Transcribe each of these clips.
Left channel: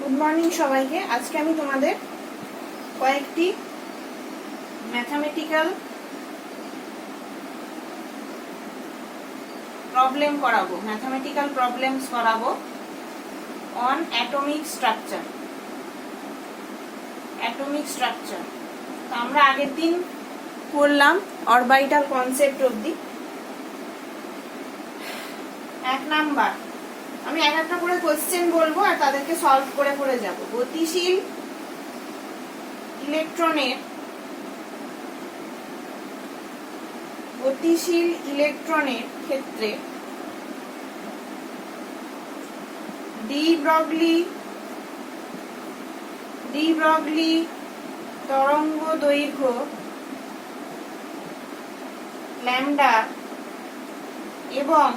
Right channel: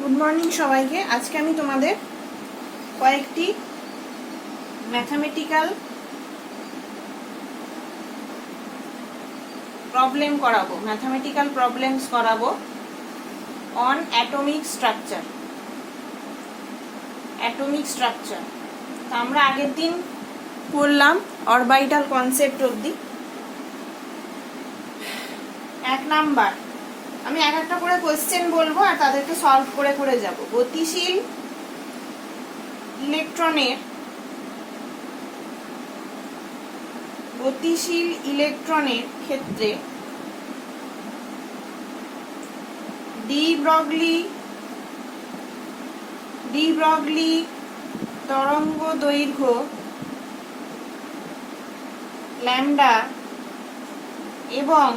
Good morning সবাইকে। আজকে আমি তোমাদের কয়েকটি ম্যাথমেটিক্যাল প্রবলেমস করাবো অন অ্যাটমিক স্ট্রাকচার। আমরা আগের দিন করলাম অরবিটাল কনসেপ্ট অবধি। 1 নাম্বার আমি এক একটা করে কোশ্চেন বলবো আর তাদেরকে সলভ করে করে যাব। গতিশীল ইলেকট্রনের ক্ষেত্রে ডি ব্রগলি তরঙ্গ দৈর্ঘ্য ল্যামডা এবং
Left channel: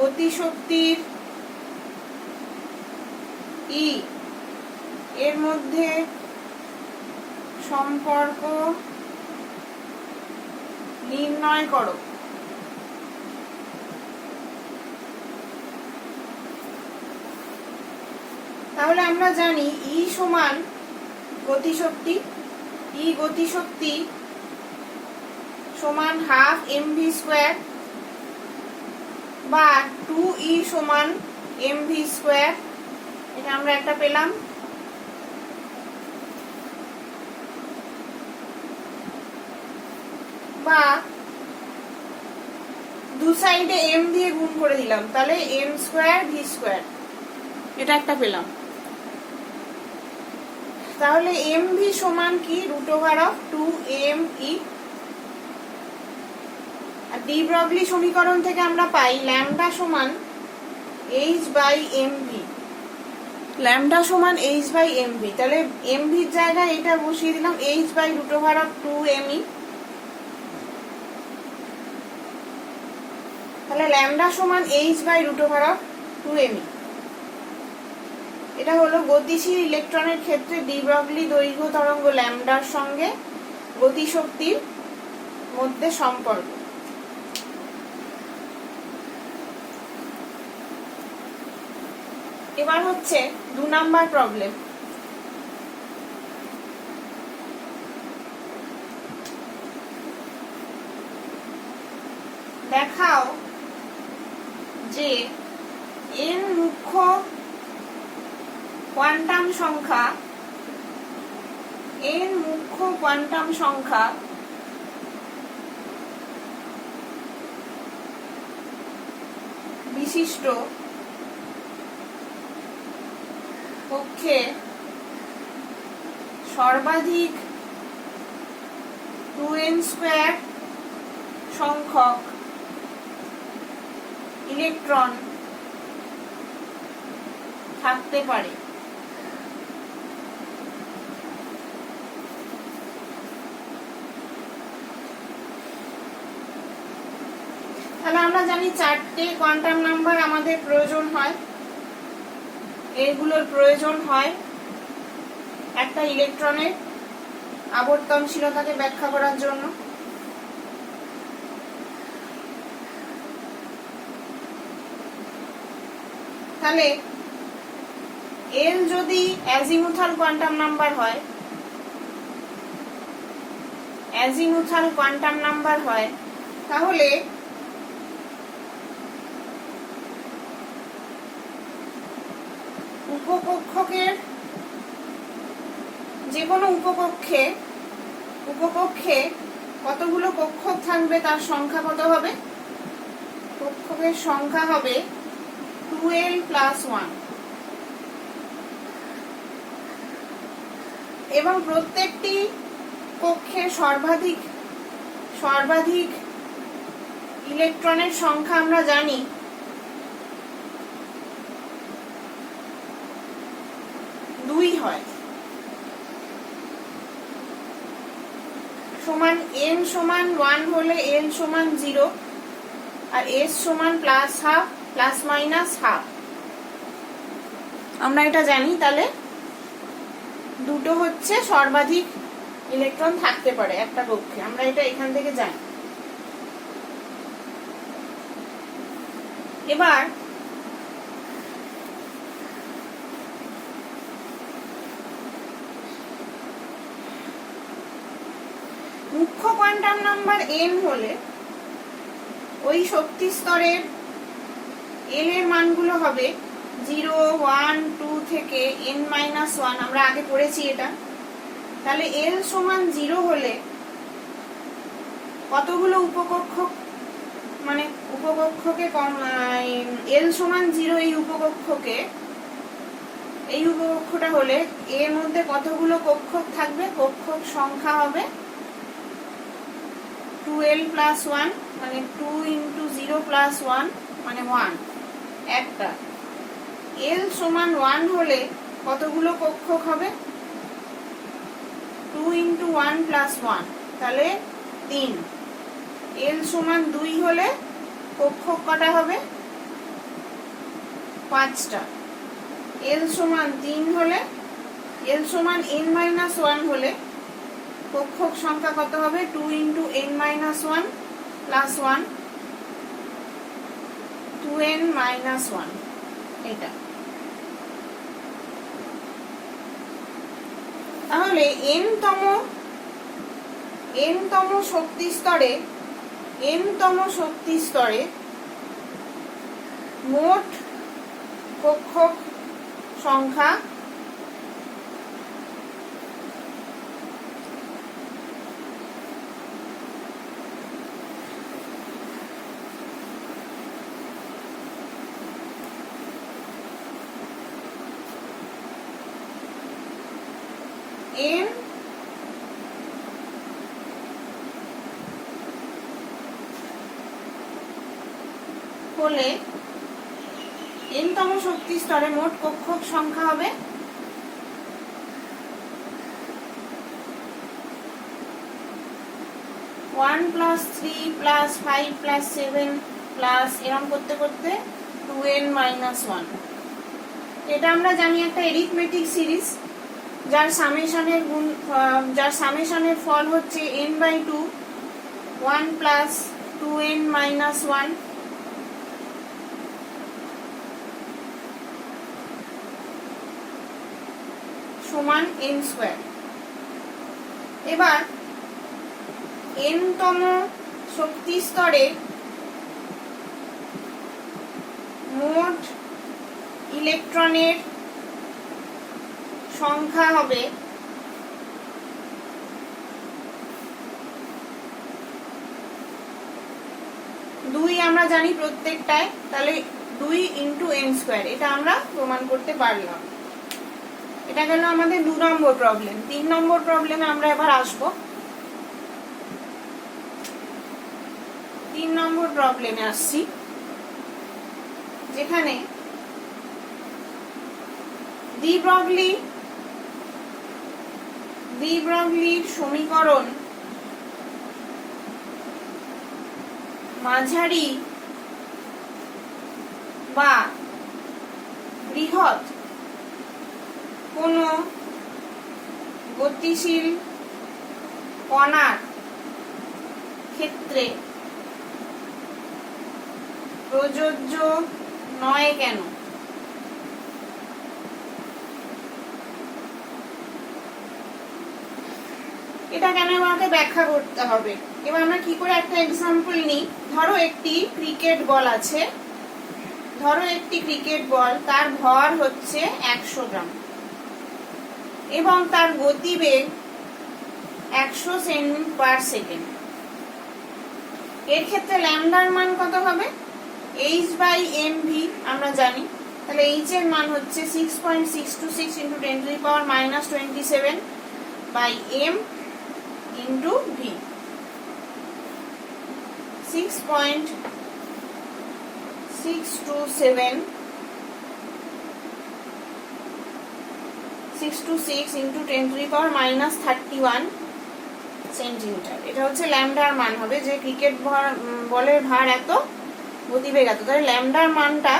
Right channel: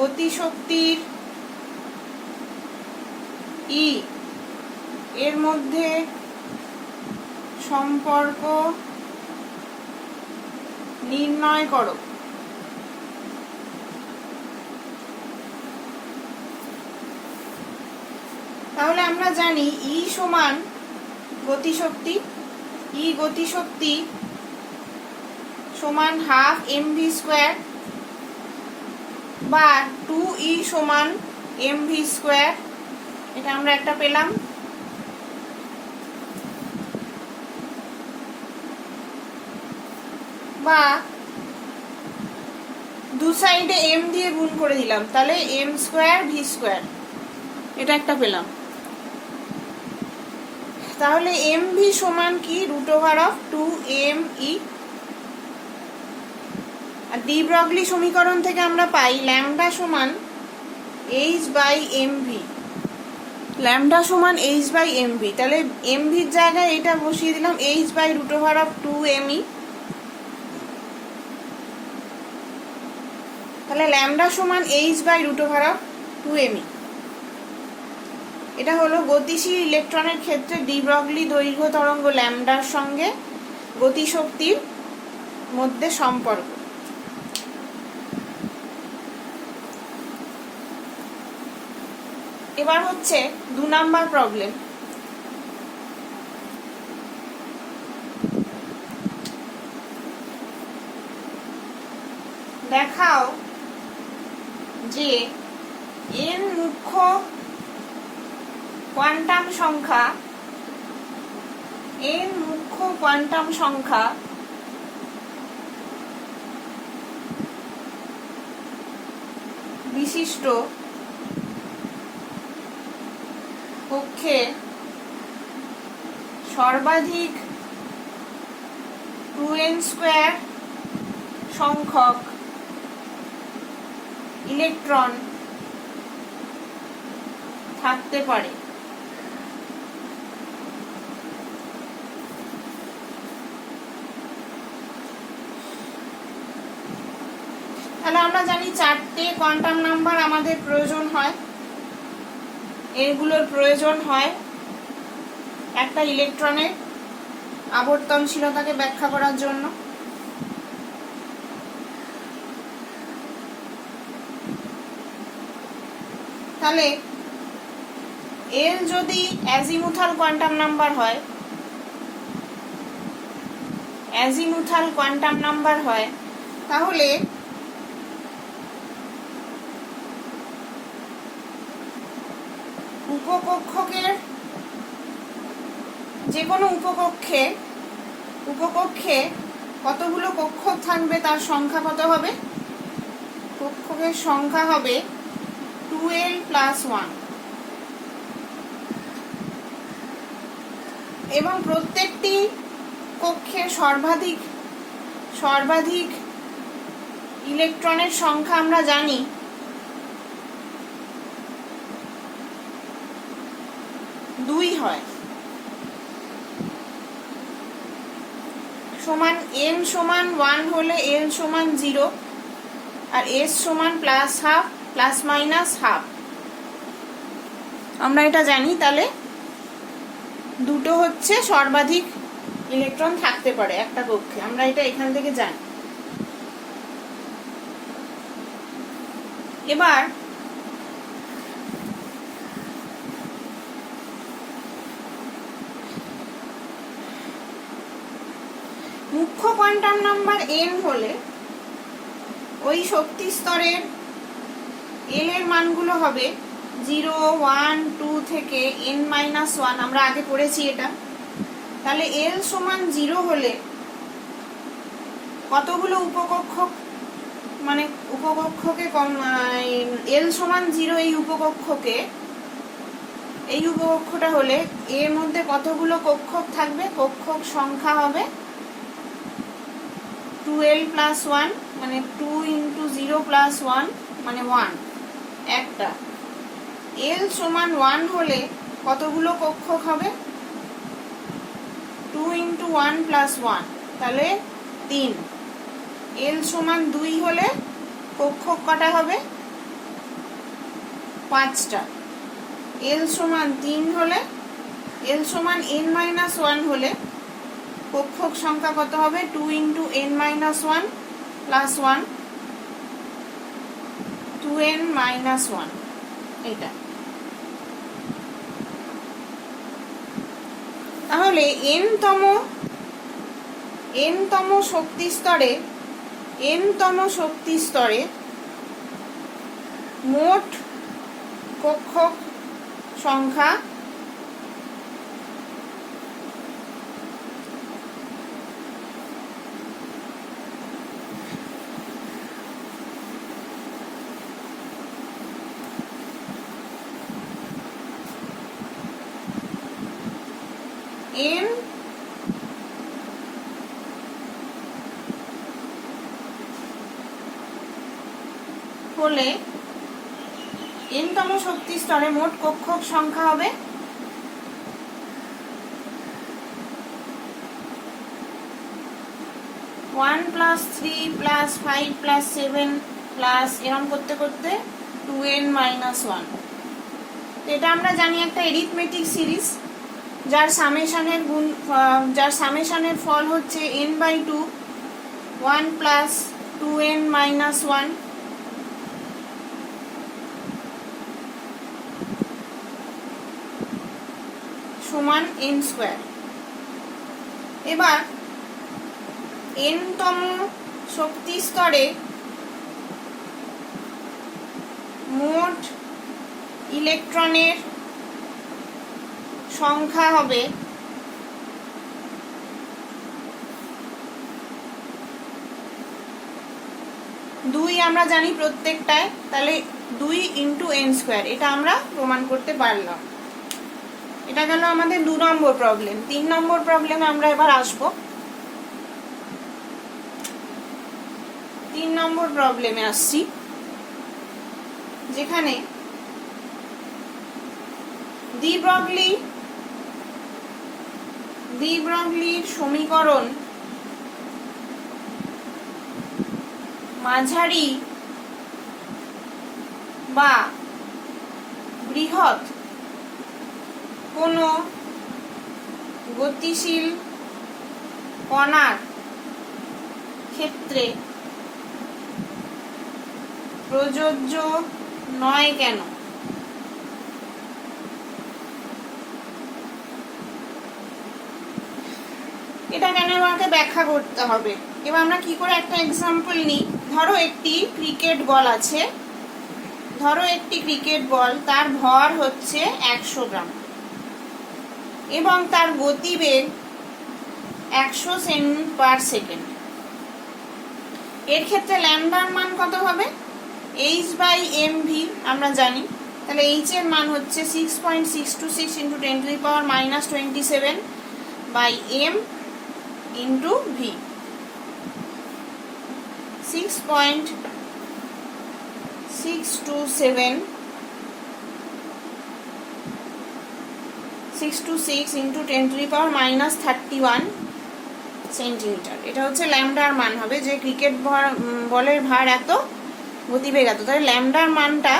গতিশক্তির ই এর মধ্যে সম্পর্ক নির্ণয় করো। তাহলে আমরা জানি ই সমান গতিশক্তি, সমান হাফ mv² বা 2e সমান mv²। এটা আমরা একটা পেলাম। বা দু সাইডে m দিয়ে গুণ করে দিলাম, তাহলে m² v², এটা একটা পেলাম। তাহলে mv সমান কি √2me। আর ডি ব্রগলি সমীকরণ থেকে আমরা পাই ল্যামডা সমান h/mv। তাহলে mv এর জায়গায় এটা বসিয়ে দিলাম h/√2me। তাহলে ল্যামডা সমান h/√2me। এটা হলো গতিশীল ইলেকট্রনের ক্ষেত্রে ডি ব্রগলি দৈর্ঘ্য তরঙ্গ ল্যামডার সঙ্গে গতিশক্তির মধ্যে সম্পর্ক। এবার হচ্ছে 2 নাম্বার প্রবলেম। দেখাও যে n মুখ্য কোয়ান্টাম সংখ্যা বিশিষ্ট কক্ষে সর্বাধিক 2n² সংখ্যক ইলেকট্রন থাকতে পারে। তাহলে আমরা জানি 4টে কোয়ান্টাম নাম্বার আমাদের প্রয়োজন হয়, এগুলোর প্রয়োজন হয় একটা ইলেকট্রনের আবর্তনশীলতাকে ব্যাখ্যা করার জন্য। তাহলে এল যদি অ্যাজিমুথাল কোয়ান্টাম নাম্বার হয় তাহলে উপকক্ষকের যে কোনো উপকক্ষে কতগুলো কক্ষ থাকবে তার সংখ্যা কত হবে? কক্ষকের সংখ্যা হবে 2l+1 এবং প্রত্যেকটি কক্ষের সর্বাধিক ইলেকট্রনের সংখ্যা আমরা জানি হয় সমান n সমান 1 হলে l সমান 0 আর s সমান +12 আমরা এটা জানি। তাহলে দুটো হচ্ছে সর্বাধিক ইলেকট্রন থাকতে পারে একটা কক্ষে, আমরা এটা এখান থেকে জানি। এবার মুখ্য কোয়ান্টাম নাম্বার n হলে ওই শক্তি স্তরের l এর মানগুলো হবে 0, 1, 2 থেকে n-1। আমরা আগে পড়েছি এটা। তাহলে l সমান 0 হলে কতগুলো উপকক্ষক, মানে উপকক্ষকে l সমান 0 এই উপকক্ষটা হলে এর মধ্যে কতগুলো কক্ষক থাকবে? কক্ষক সংখ্যা হবে 2l + 1, মানে 2 × 0 + 1 মানে 1 একটা। l সমান 1 হলে কতগুলো কক্ষক হবে? 2 × 1 + 1, তাহলে 3। l সমান 2 হলে কক্ষক কটা হবে? 5টা। l সমান 3 হলে, l সমান n-1 হলে কক্ষক সংখ্যা কত হবে? 2 × n-1 + 1, 2n-1 এটা। তাহলে n-তম শক্তি স্তরে মোট কক্ষক সংখ্যা n হলে n-তম শক্তি স্তরে মোট কক্ষক সংখ্যা হবে 1 + 3 + 5 + 7 প্লাস এরকম করতে করতে 2n-1। এটা আমরা জানি একটা এরিথমেটিক সিরিজ যার সামেশনের ফল হচ্ছে n/2 1 + 2n-1 সমান n²। এবার n-তম শক্তি স্তরে মোট ইলেকট্রনের সংখ্যা হবে 2 আমরা জানি প্রত্যেকটায়, তাহলে 2 × n²। এটা আমরা প্রমাণ করতে পারলাম। এটা গেল আমাদের 2 নম্বর প্রবলেম। 3 নম্বর প্রবলেমে আমরা এবার আসবো। 3 নম্বর প্রবলেমে আসছি, যেখানে ডি ব্রগলির সমীকরণ মাঝারি বা বৃহৎ কোনো গতিশীল কণার ক্ষেত্রে প্রযোজ্য নয় কেন? এটা কেন আমাকে ব্যাখ্যা করতে হবে। এবার আমরা কি করে একটা এক্সাম্পল নিই। ধরো একটি ক্রিকেট বল আছে, তার ভর হচ্ছে 100 গ্রাম এবং তার গতিবেগ 100 সেমি/সেকেন্ড। এর ক্ষেত্রে ল্যামডার মান কত হবে? h/mv আমরা জানি। তাহলে h এর মান হচ্ছে 6.626 × 10⁻⁻27 m × v। 6.626 × 10⁻31 সেন্টিমিটার। এটা হচ্ছে ল্যামডার মান হবে, যে ক্রিকেট বলের ভার এত, গতিবেগ এত। তাহলে ল্যামডার মানটা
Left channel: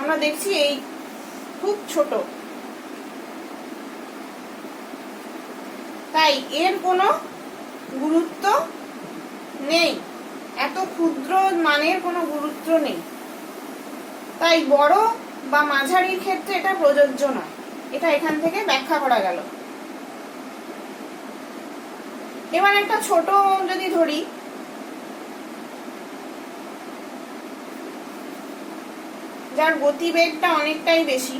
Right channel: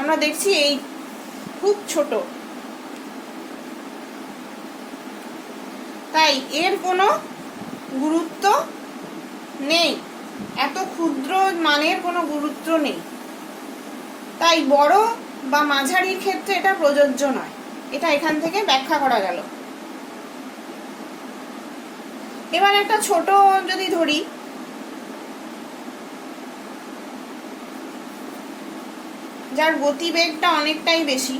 আমরা দেখছি এই খুব ছোট, তাই এর কোনো গুরুত্ব নেই, এত ক্ষুদ্র মানের কোনো গুরুত্ব নেই। তাই বড় বা মাঝারির ক্ষেত্রে এটা প্রযোজ্য নয়। এটা এখান থেকে ব্যাখ্যা করা গেল। এবার একটা ছোট যদি ধরি, যার গতিবেগটা অনেকটাই বেশি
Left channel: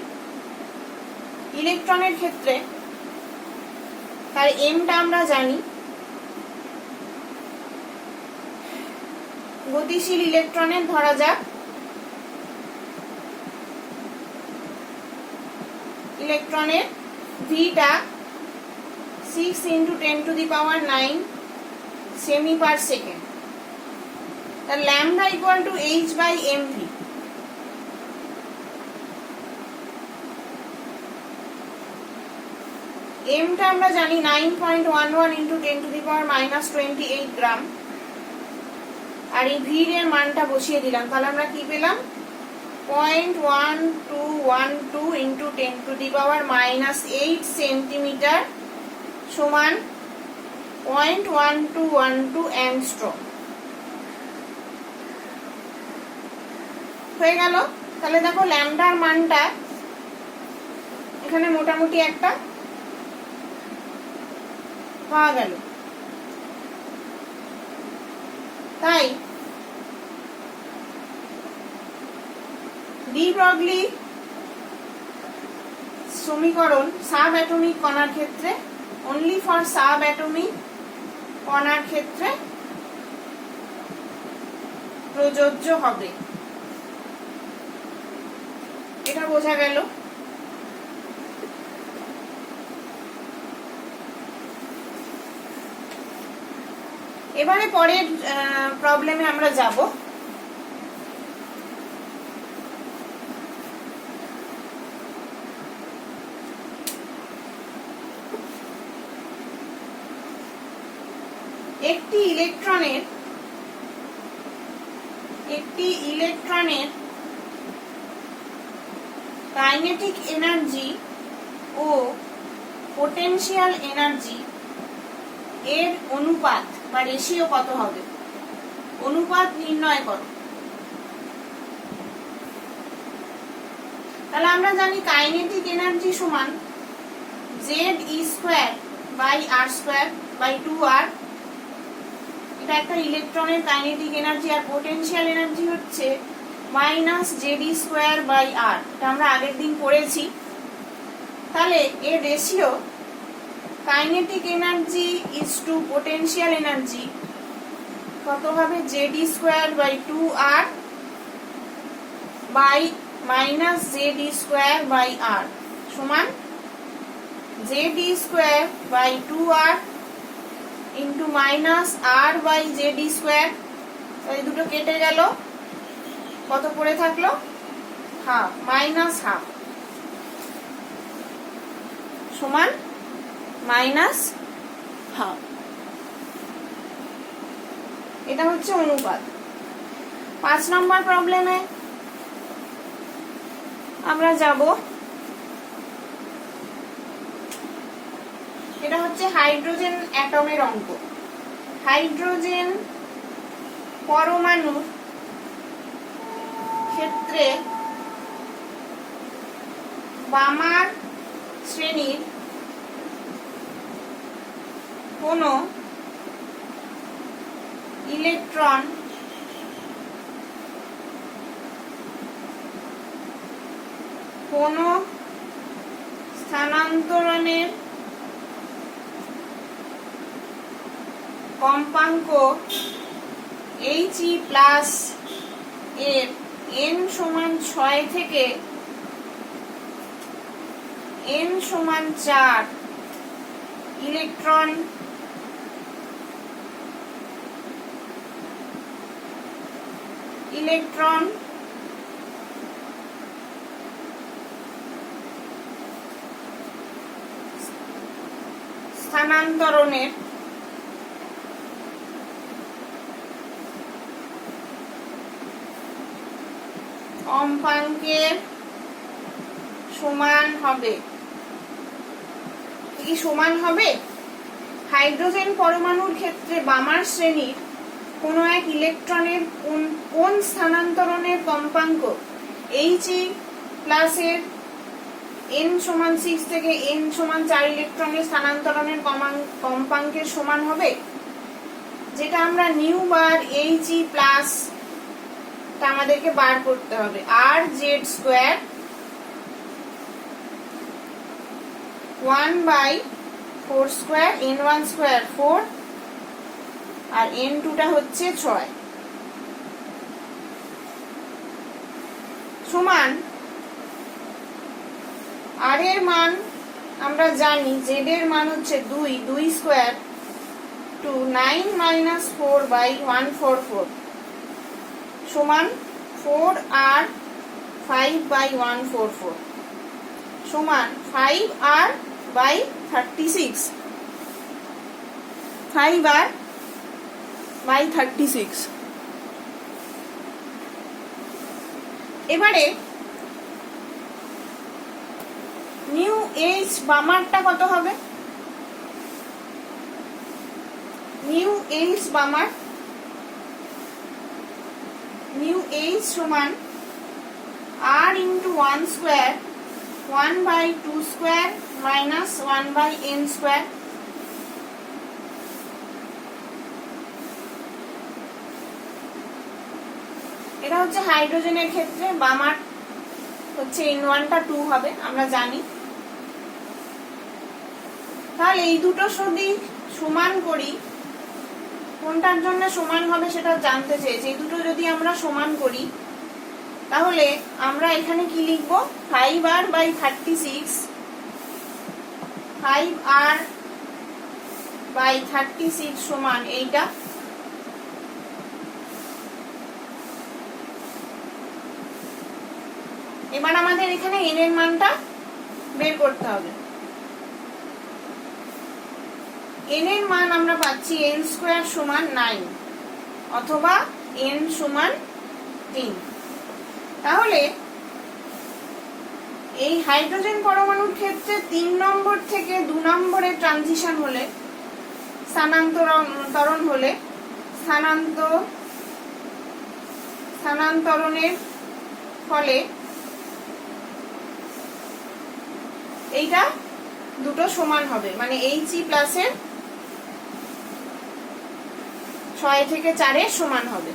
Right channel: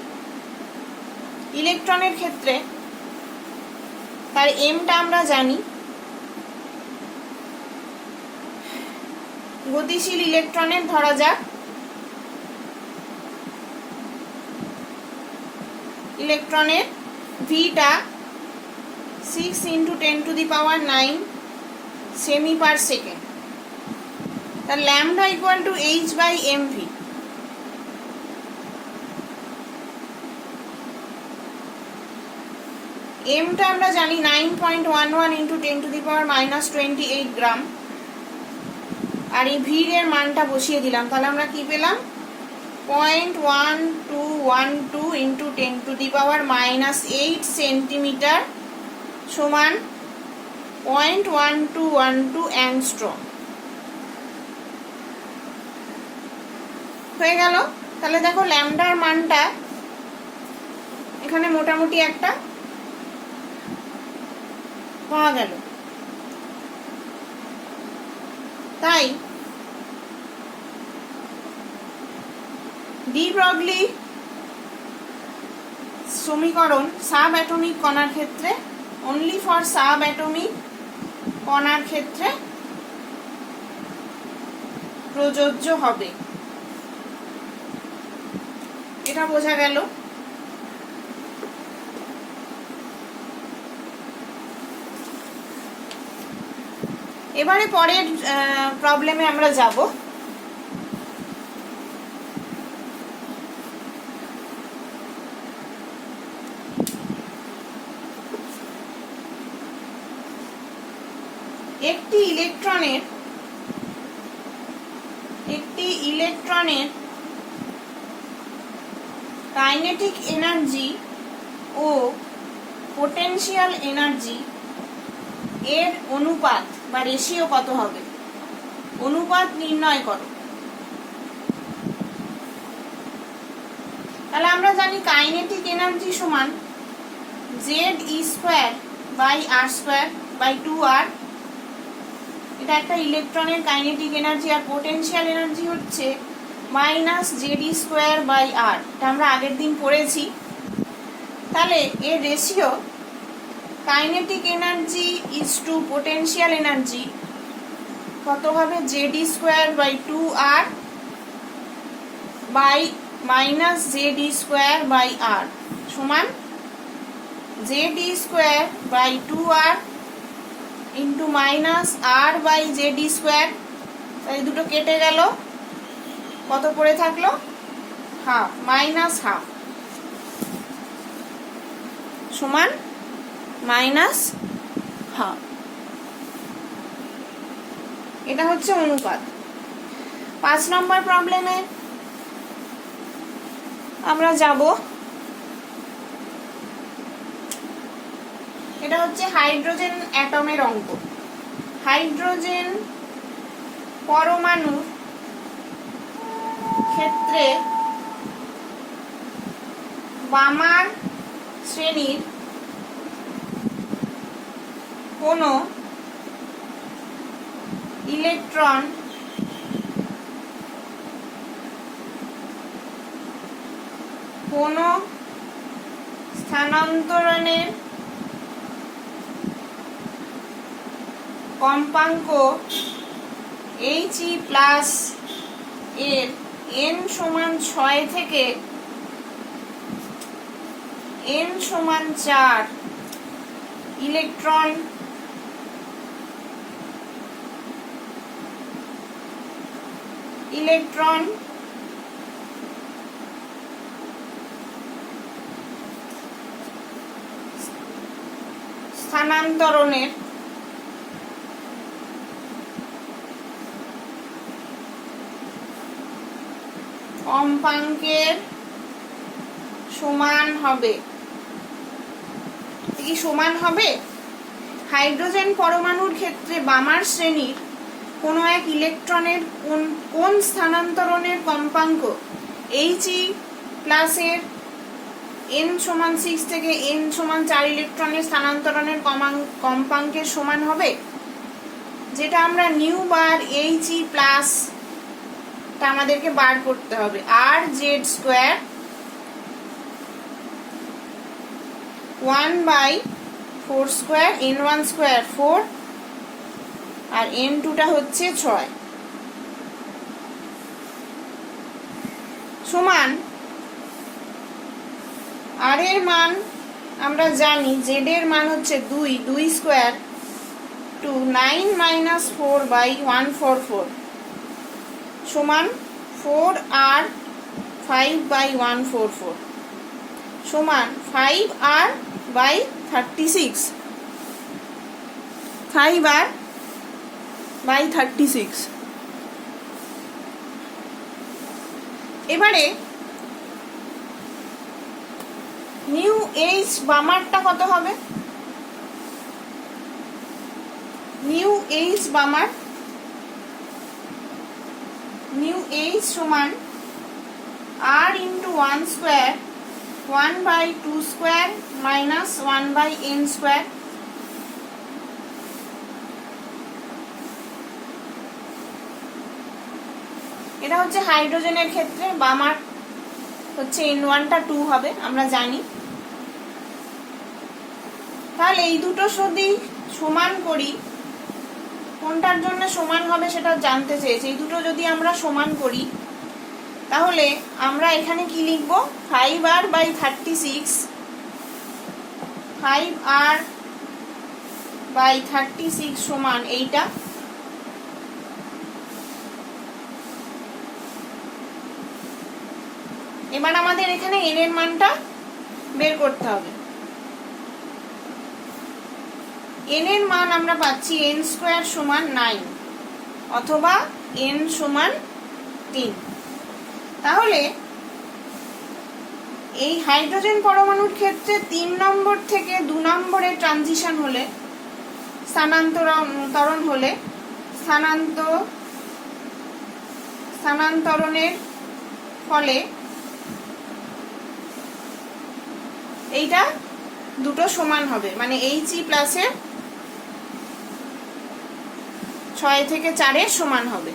ইলেকট্রনের ক্ষেত্রে, তার এমটা আমরা জানি। গতিশীল ইলেকট্রনের ধরা যাক ইলেকট্রনের ভিটা 6 × 10⁹ সেমি পার সেকেন্ড, তার ল্যামডা ইকুয়াল টু h/mv। এমটা আমরা জানি 9.11 × 10⁻⁻28 গ্রাম, আর এই ভির এর মানটা বসিয়ে দিলাম, তাহলে আমরা কি পেলাম 0.1212 × 10⁻⁻8 সেন্টিমিটার সমান 0.1212 অ্যাংস্ট্রম হয়ে গেল। তাহলে দেখো ল্যামডার মানটা এখানে মোটামুটি একটা পাওয়া গেল। তাই ডি ব্রগলি সমীকরণ সাব অ্যাটমিক কণার ক্ষেত্রে, অনলি ফর সাব অ্যাটমিক কণার ক্ষেত্রে প্রযোজ্য হবে, এটা বোঝা গেল। এবারে পরের প্রবলেমে আমরা যাব। একটি ইলেকট্রনের কাইনেটিক এনার্জি ও পোটেনশিয়াল এনার্জি এর অনুপাত বা রেশিও কত হবে, অনুপাত নির্ণয় করো। তাহলে আমরা জানি কাইনেটিক এনার্জি সমান Ze²/r²/2r, এটা একটা ইলেকট্রনের কাইনেটিক এনার্জি, আর পোটেনশিয়াল এনার্জি হচ্ছে -Ze²/r, এটা আমরা আগের দিন পড়েছি। তাহলে এর ratio kinetic energy is to potential energy কত হবে, Ze²/2r বাই -Ze²/r সমান Ze²/2r ইন্টু -r/Ze²। এই দুটো কেটে গেল, কত পড়ে থাকলো, হাফ, -½ সমান -½ এটা হচ্ছে অনুপাত। 5 নম্বর প্রবলেমে আমরা যাব। এটা হচ্ছে হাইড্রোজেন অ্যাটমের অঙ্ক। হাইড্রোজেন পরমাণু ক্ষেত্রে বামার শ্রেণীর কোন ইলেকট্রন কোন স্থানান্তরণের কম্পাঙ্ক He+ এর n সমান 6 থেকে n সমান 4 ইলেকট্রন স্থানান্তরণের কম্পাঙ্কের সমান হবে। কি সমান হবে? হাইড্রোজেন পরমাণুর ক্ষেত্রে বামার শ্রেণীর কোন এক ইলেকট্রনের কোন স্থানান্তরণের কম্পাঙ্ক He+ এর n সমান 6 থেকে n সমান 4 ইলেকট্রনের স্থানান্তরণের কম্পাঙ্কের সমান হবে, যেটা আমরা নিউ বার He প্লাস টা আমাদেরকে বার করতে হবে। আর Z square 1/4 square, n1 square 4 আর n2 টা হচ্ছে 6 সমান আর এর মান আমরা জানি, জেড এর মান হচ্ছে 2 স্কোয়ার টু 9 - 4/144 সমান 4r 5/144 সমান 5r/36 5r/36। এবারে নিউ এইচ বামারটা কত হবে? নিউ এইচ বামার নিউ এইচ সমান r into 1 square 1/2 square minus 1/n square. এটা হচ্ছে হাইড্রোজেনের ক্ষেত্রে বামার হচ্ছে n1 টা 2 হবে, আমরা জানি। তাহলে এই দুটো যদি সমান করি, কোনটার জন্য সমান হবে সেটা জানতে চেয়েছি। এই দুটো যদি আমরা সমান করি তাহলে আমরা এখানে কি লিখব? 5r/36 5r/36 সমান এইটা। এবার আমাদের এখানে n এর মানটা বের করতে হবে। n এর মান আমরা পাচ্ছি n স্কোয়ার সমান 9 অথবা n সমান 3। তাহলে এই হাইড্রোজেন পরমাণুর ক্ষেত্রে 3 নম্বর থেকে 2 নম্বরে ট্রানজিশন হলে, স্থানান্তরণ হলে, স্থানান্তরণের ফলে এইটা দুটো সমান হবে, মানে He প্লাসের 6 থেকে 4 এর সমান হবে।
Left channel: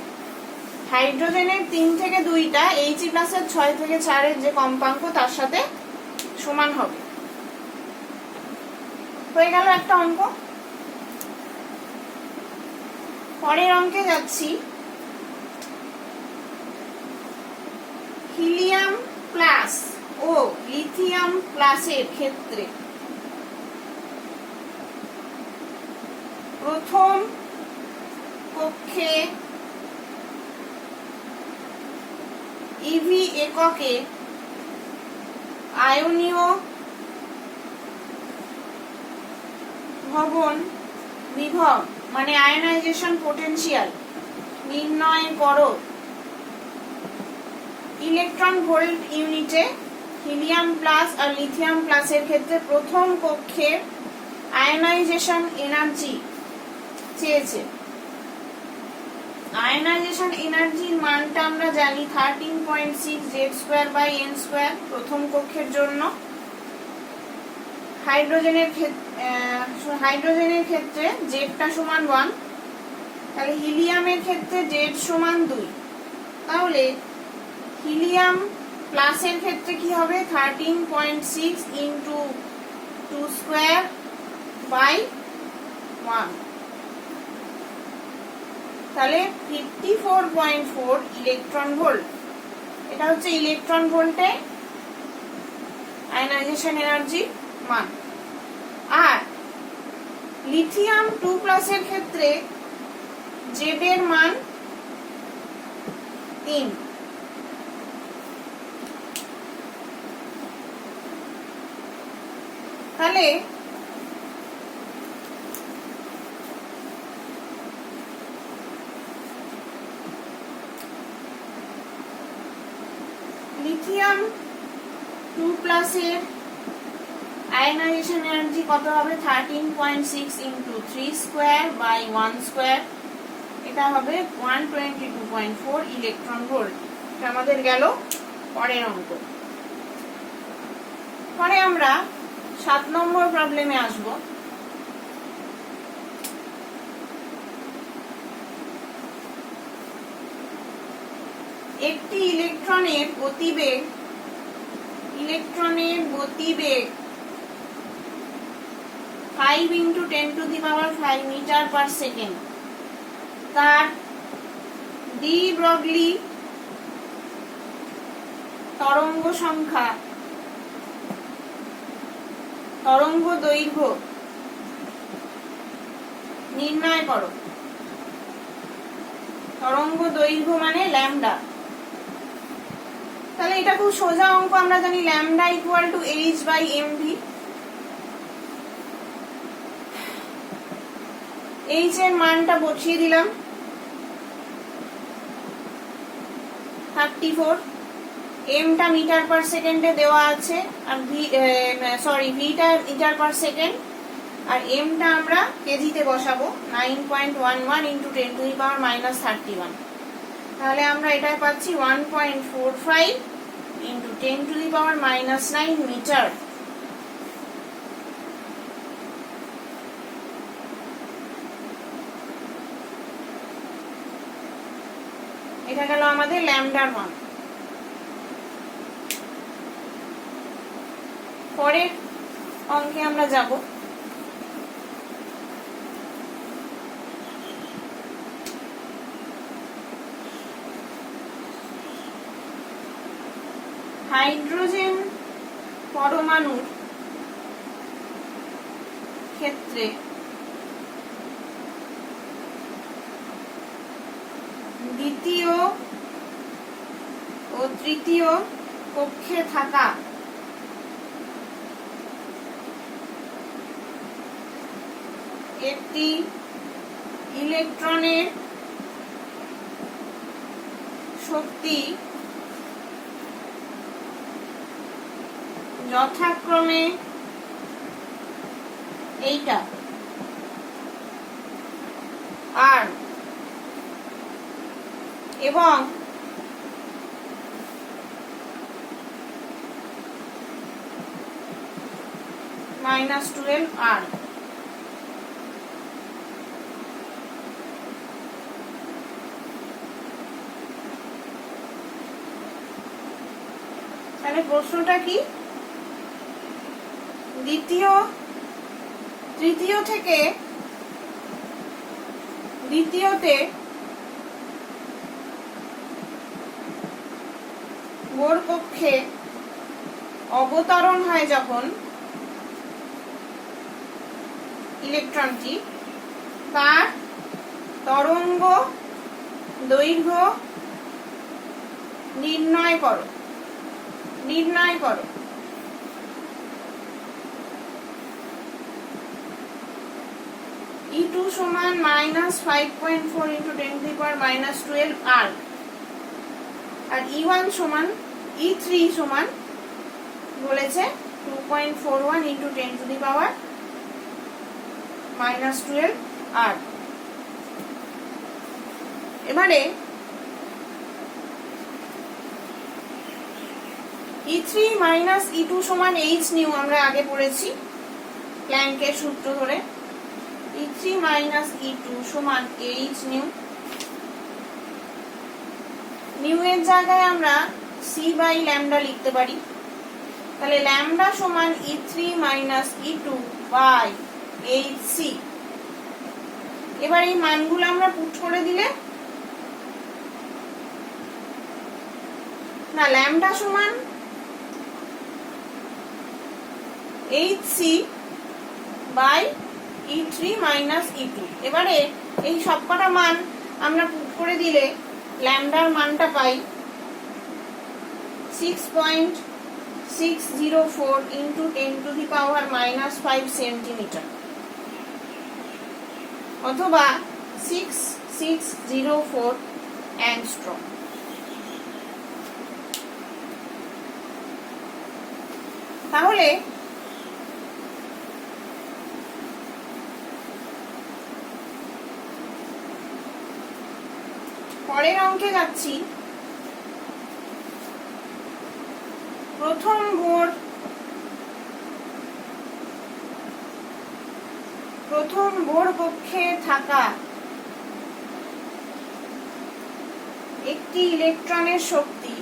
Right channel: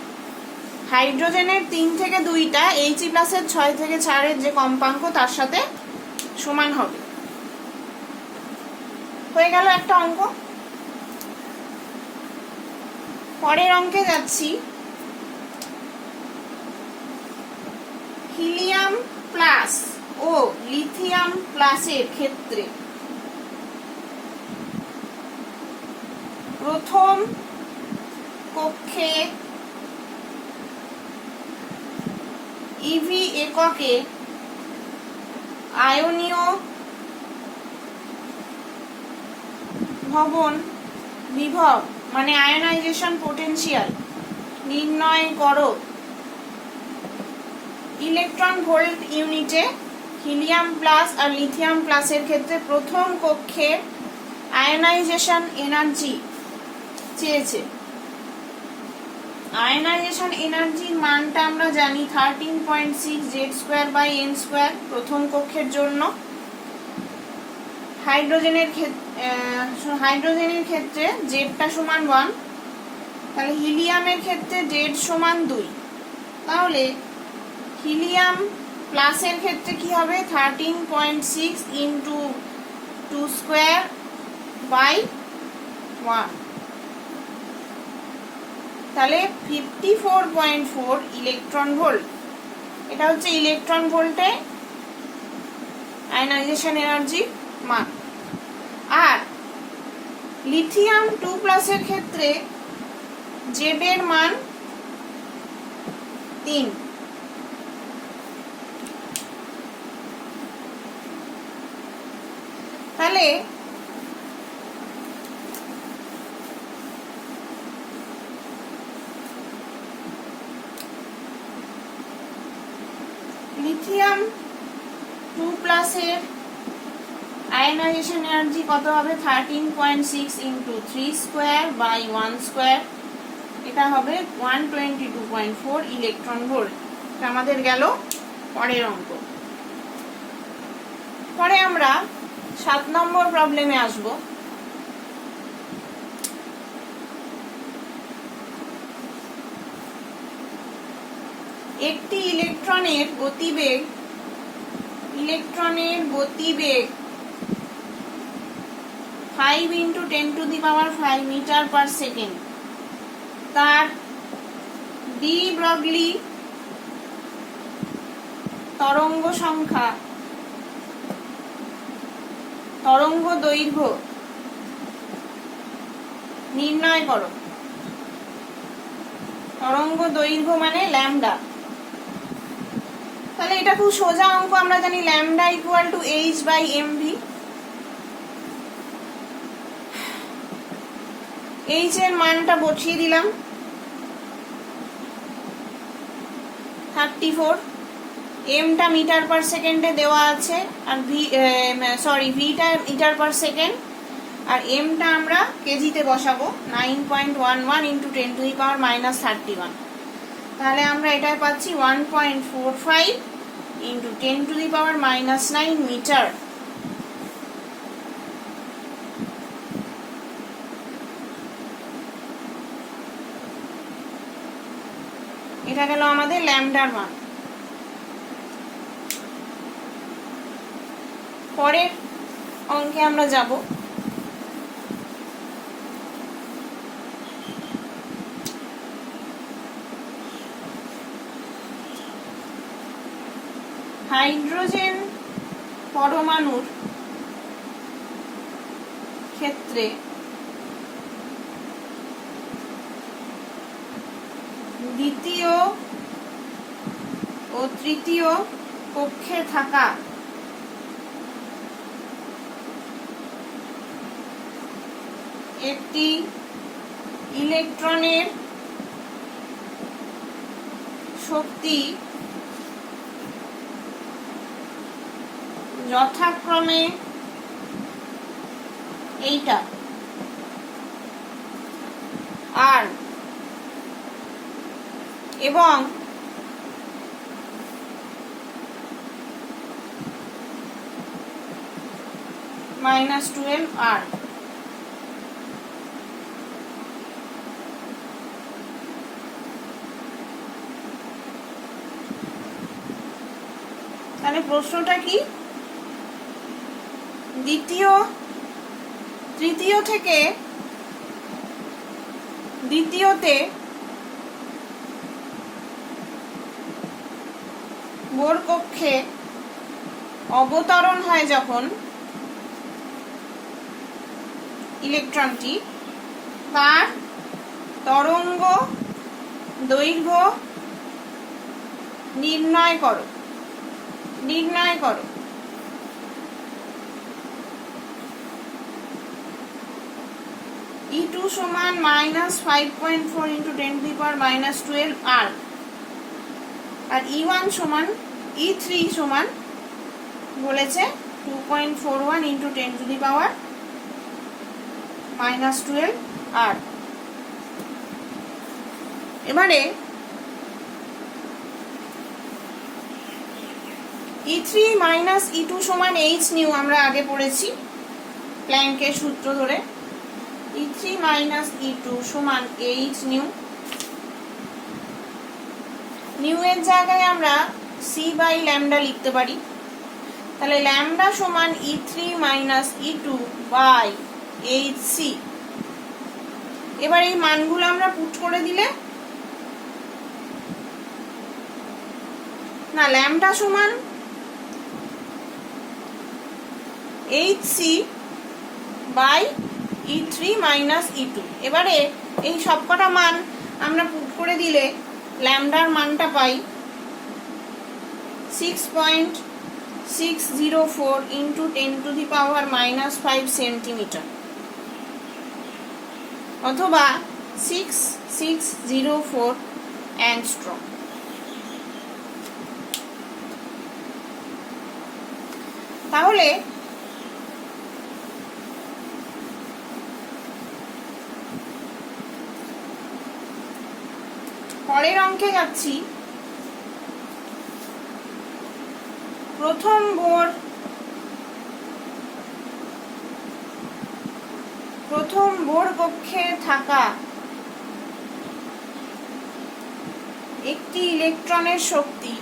হাইড্রোজেনের 3 থেকে 2টা He প্লাসের 6 থেকে 4 এর যে কম্পাঙ্ক তার সাথে সমান হবে। হয়ে গেল একটা অঙ্ক। পরের অঙ্কে যাচ্ছি। হিলিয়াম প্লাস ও লিথিয়াম প্লাসের ক্ষেত্রে প্রথম কক্ষে ইভি এককে আয়নীয় ভবন বিভব মানে আয়নাইজেশন পোটেনশিয়াল নির্ণয় করো। ইলেকট্রন ভোল্ট ইউনিটে হিলিয়াম প্লাস আর লিথিয়াম প্লাসের ক্ষেত্রে প্রথম কক্ষের আয়নাইজেশন এনার্জি চেয়েছে। আয়নাইজেশন এনার্জির মানটা আমরা জানি 13.6 Z²/n² প্রথম কক্ষের জন্য। হাইড্রোজেনের ক্ষেত্রে জেডটা সমান 1, তাহলে হিলিয়ামের ক্ষেত্রে জেড সমান 2। তাহলে হিলিয়াম প্লাসের ক্ষেত্রে কি হবে? 13.6 ইন্টু 2²/1, তাহলে 54.4 ইলেকট্রন ভোল্ট। এটা হচ্ছে ইলেকট্রন ভোল্টে আয়নাইজেশন এনার্জির মান। আর লিথিয়াম 2+ এর ক্ষেত্রে জেড এর মান 3। তাহলে লিথিয়াম 2+ এর আয়নাইজেশন এনার্জি কত হবে? 13.6 ইন্টু 3²/1², এটা হবে 122.4 ইলেকট্রন ভোল্ট। আমাদের গেল পরের অঙ্ক। পরে আমরা 7 নম্বর প্রবলেমে আসব। একটি ইলেকট্রনের গতিবেগ 5 × 10⁵ মিটার পার সেকেন্ড। তার ডি ব্রগলি তরঙ্গ সংখ্যা, তরঙ্গ দৈর্ঘ্য নির্ণয় করো। তরঙ্গ দৈর্ঘ্য মানে ল্যামডা। তাহলে এটা খুব সোজা অঙ্ক, আমরা জানি lambda equal to h/mv। h এর মানটা বসিয়ে দিলাম 34, m টা মিটার পার সেকেন্ডে দেওয়া আছে, আর ভিটা মিটার পার সেকেন্ড, আর m টা আমরা কেজিতে বসাবো 9.11 × 10⁻−31। তাহলে আমরা এটা পাচ্ছি 1.45 × 10⁻−9 মিটার। এটা গেল আমাদের ল্যামডার মান। পরের অঙ্কে আমরা যাব। হাইড্রোজেন পরমাণুর ক্ষেত্রে দ্বিতীয় ও তৃতীয় কক্ষে থাকা একটি ইলেকট্রনের শক্তি যথাক্রমে এইটা আর এবং -12R। তাহলে প্রশ্নটা কি? তৃতীয় থেকে দ্বিতীয়তে বোর কক্ষে অবতরণ হয় যখন ইলেকট্রনটি, তার তরঙ্গ দৈর্ঘ্য নির্ণয় করো। E2 সমান -5.4 × 10⁻−12R, আর E1 সমান E3 সমান বলেছে 2.41 × 10⁻−12R। এবারে E3 - E2 সমান h নিউ, আমরা আগে পড়েছি প্ল্যাঙ্কের সূত্র ধরে। E3 - E2 সমান h নিউ। নিউ এর জায়গায় আমরা c/λ লিখতে পারি। তাহলে ল্যামডা সমান E3 - E2/hc। এবার এই মানগুলো আমরা পুট করে দিলে, না, ল্যামডা সমান hc/E3 - E2। এবারে এই সবকটা মান আমরা পুট করে দিলে ল্যামডার মানটা পাই 6.604 × 10⁻−5 সেন্টিমিটার, অথবা 6604 অ্যাংস্ট্রম। তাহলে পরের অঙ্কে যাচ্ছি। প্রথম বোর প্রথম বোর কক্ষে থাকা একটি ইলেকট্রনের শক্তি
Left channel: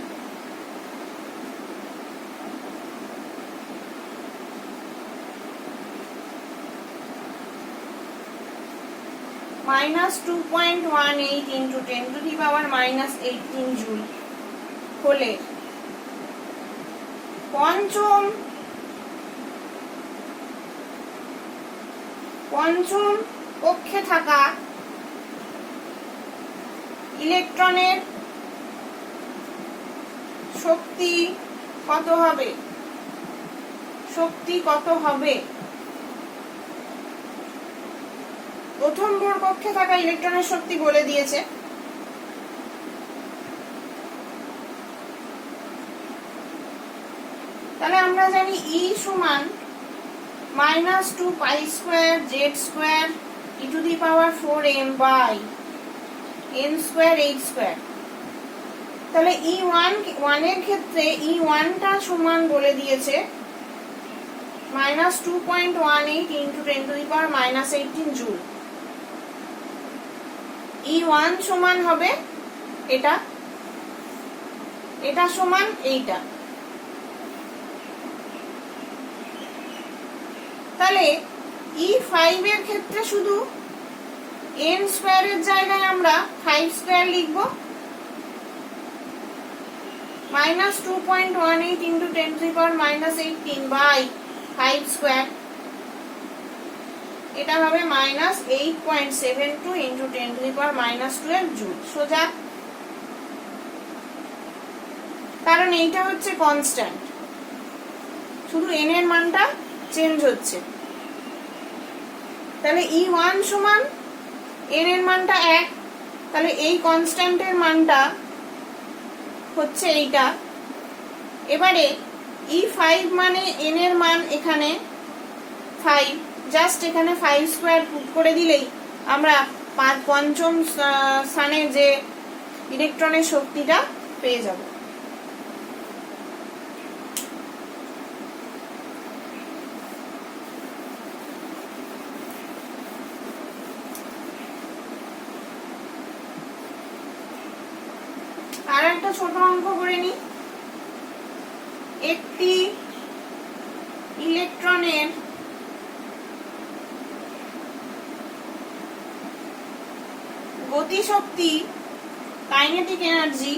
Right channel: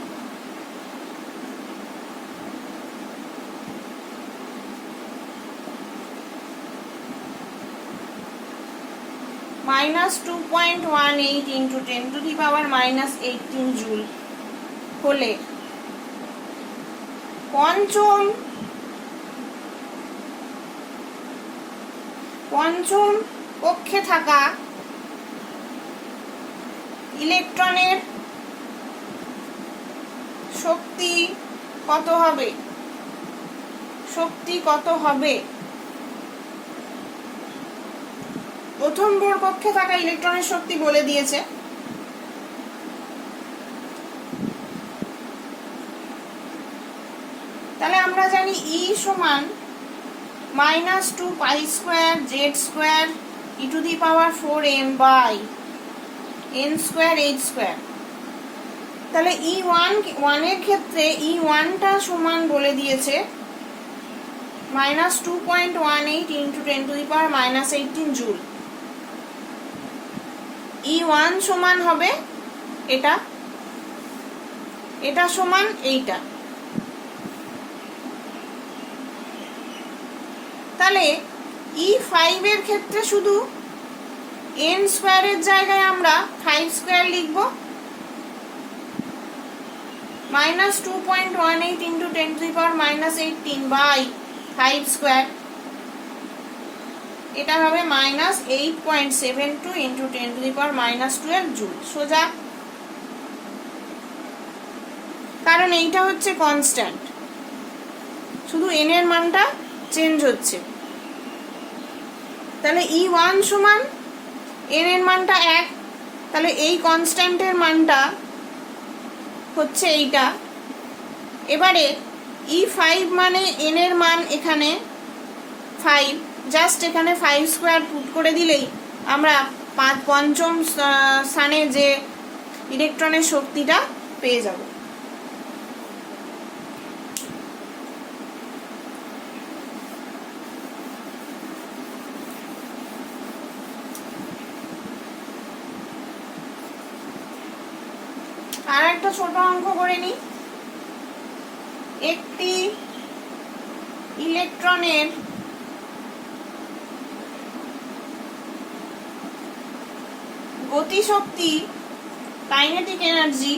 -2.18 into 10 to the power -18 joule হলে পঞ্চম কক্ষে থাকা ইলেকট্রনের শক্তি কত হবে? প্রথম বোর কক্ষে থাকা ইলেকট্রনের শক্তি বলে দিয়েছে। তাহলে আমরা জানি E সমান -2 pi square Z square e to the power 4m by n square h square. তাহলে E1 এর ক্ষেত্রে E1 টা সমান বলে দিয়েছে -2.18 into 10 to the power -18 joule. E1 সমান হবে এটা সমান এইটা। তাহলে E5 এর ক্ষেত্রে শুধু n স্কয়ারের জায়গায় আমরা 5 স্কয়ার লিখব, -2.18 into 10 to the power -18 by 5 square. এটা হবে -8.72 into 10 to the power -12 joule. সোজা, কারণ এইটা হচ্ছে কনস্ট্যান্ট, শুধু n এর মানটা চেঞ্জ হচ্ছে। তাহলে E1 সমান n এর মানটা 1, তাহলে এই কনস্ট্যান্টের মানটা হচ্ছে এইটা। এবারে E5 মানে n এর মান এখানে 5, জাস্ট এখানে 5 স্কয়ার পুট করে দিলেই আমরা পঞ্চম স্থানে যে ইলেকট্রনের শক্তিটা পেয়ে যাব। আর একটা ছোট অঙ্ক করে নি। একটি ইলেকট্রনের গতিশক্তি kinetic energy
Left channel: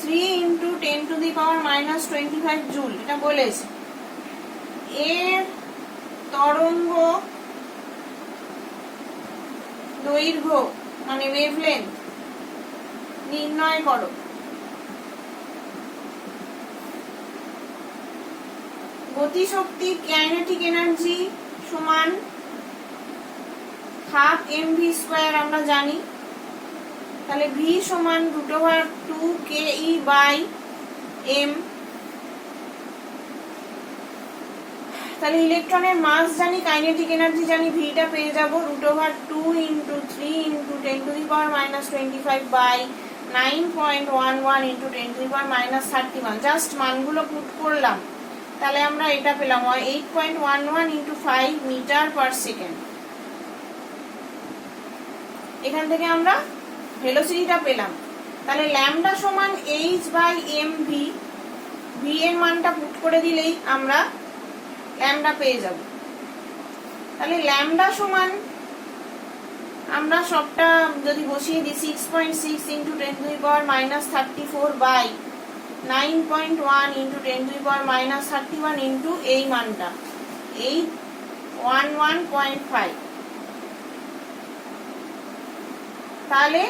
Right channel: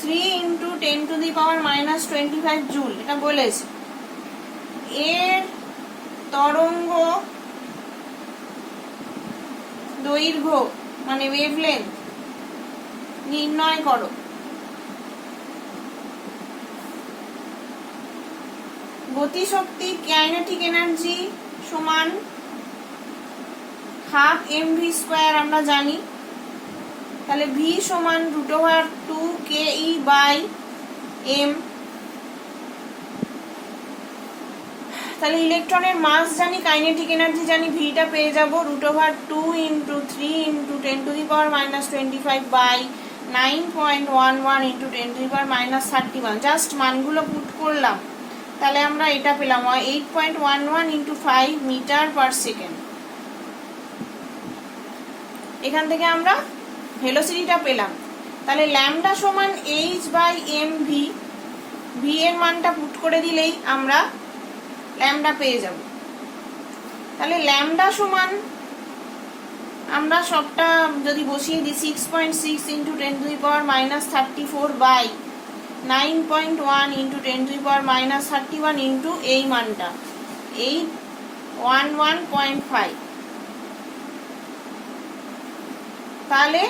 3 into 10 to the power -25 joule, এটা বলেছে। এর তরঙ্গ দৈর্ঘ্য মানে ওয়েভলেন্থ নির্ণয় করো। গতিশক্তি কাইনেটিক এনার্জি সমান হাফ mv² আমরা জানি। তাহলে v সমান √2ke/m। তাহলে ইলেকট্রনের মাস জানি, কাইনেটিক এনার্জি জানি, v টা পেয়ে যাব √2 into 3 into 10 to the power -25 by 9.11 into 10 to the power -31। Just মানগুলো পুট করলাম, তাহলে আমরা এটা পেলাম 8.11 into 5 মিটার পার সেকেন্ড। এখান থেকে আমরা ভেলোসিটিটা পেলাম। তাহলে ল্যামডা সমান h/mv, v এর মানটা পুট করে দিলেই আমরা ল্যামডা পেয়ে যাব। তাহলে ল্যামডা সমান আমরা সবটা যদি বসিয়ে দিই 6.6 into 10 to the power -34 by 9.1 into 10 to the power -31 into এই মানটা 811.5। তাহলে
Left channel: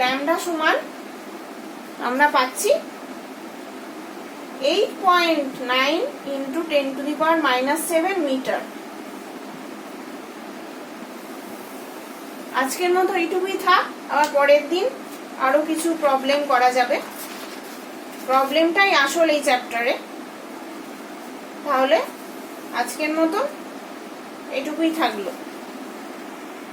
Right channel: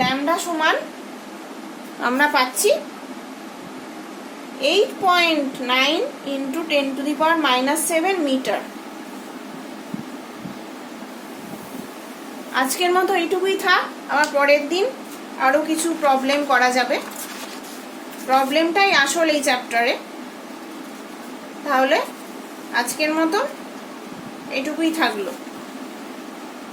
ল্যামডা সমান আমরা পাচ্ছি 8.9 into 10 to the power -7 metre. আজকের মতো এইটুকুই থাক, আবার পরের দিন আরো কিছু প্রবলেম করা যাবে। প্রবলেমটাই আসল এই চ্যাপ্টারে। তাহলে আজকের মতো এইটুকুই থাকলো।